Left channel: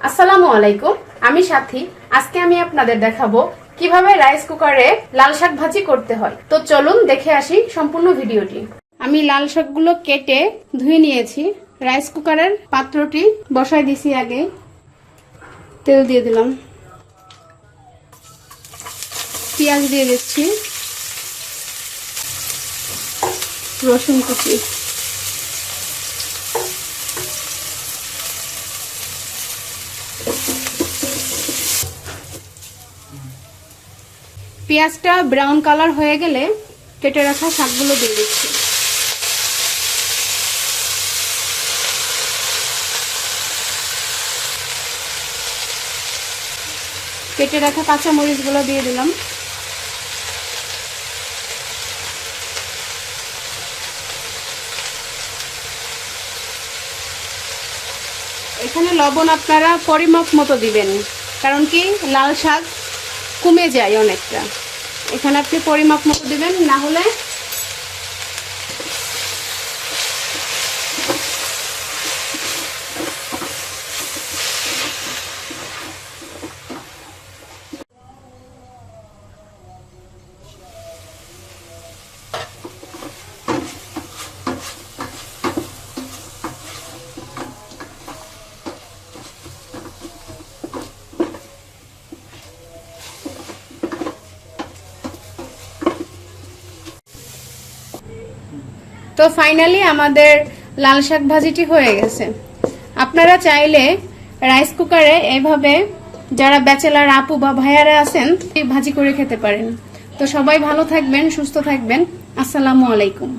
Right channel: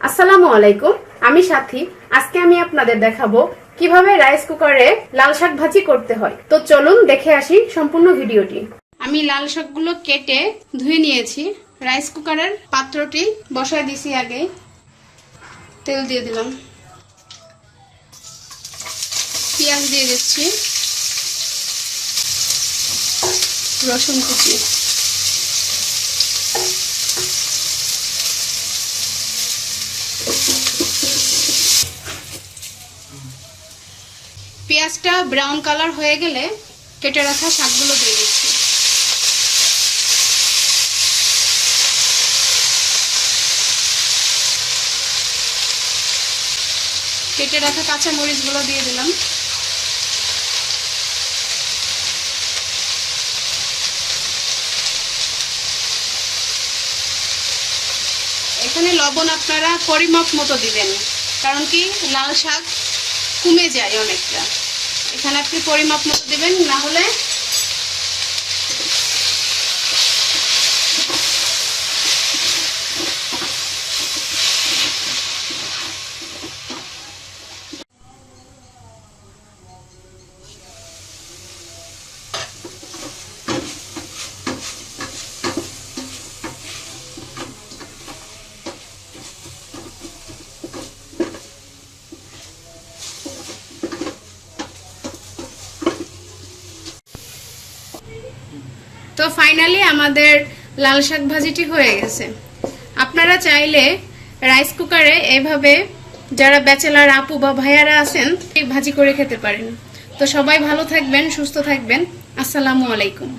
আসসালামু আলাইকুম, আমি সাথী। আজকে আমি আপনাদের দেখাবো কিভাবে রাইস কুকারে লাল শাক ভাজি করতে হয়। তো চলুন দেখে আসি সম্পূর্ণ ভিডিওটি। আমি লাল শাকগুলো কেটে ধুয়ে নিয়েছি। রাইস কুকারের পাত্রটি বসায় দিছি, আগে তেল দিয়ে দিলাম, পেঁয়াজ দিয়ে দিচ্ছি, রসুন কুচি, পেঁয়াজটা ব্রাউন কালার হয়ে গেলে কেটে রাখা শাকগুলো দিয়ে দিচ্ছি। কেটে রাখা কাঁচা মরিচগুলো দিয়ে দিলাম। এখানে লবণ আপনারা পরিমাপ মতো দিবেন, কারণ কি লাল শাক কমে যায় অনেকটা। এখানে আপনি পরিমাপ মতো দিবেন, না হলে তো ফাইনালি আমাদের লাল শাক ভাজিটি হয়ে গেছে। আপনারা চাইলে রাইস কুকারে এভাবে যারা ব্যাচেলার আপু বা ভাইয়ারা আছেন ভাজি করে খেতে পারেন। তো সবাই ভালো থাকবেন, সুস্থ থাকবেন। আসসালামু আলাইকুম।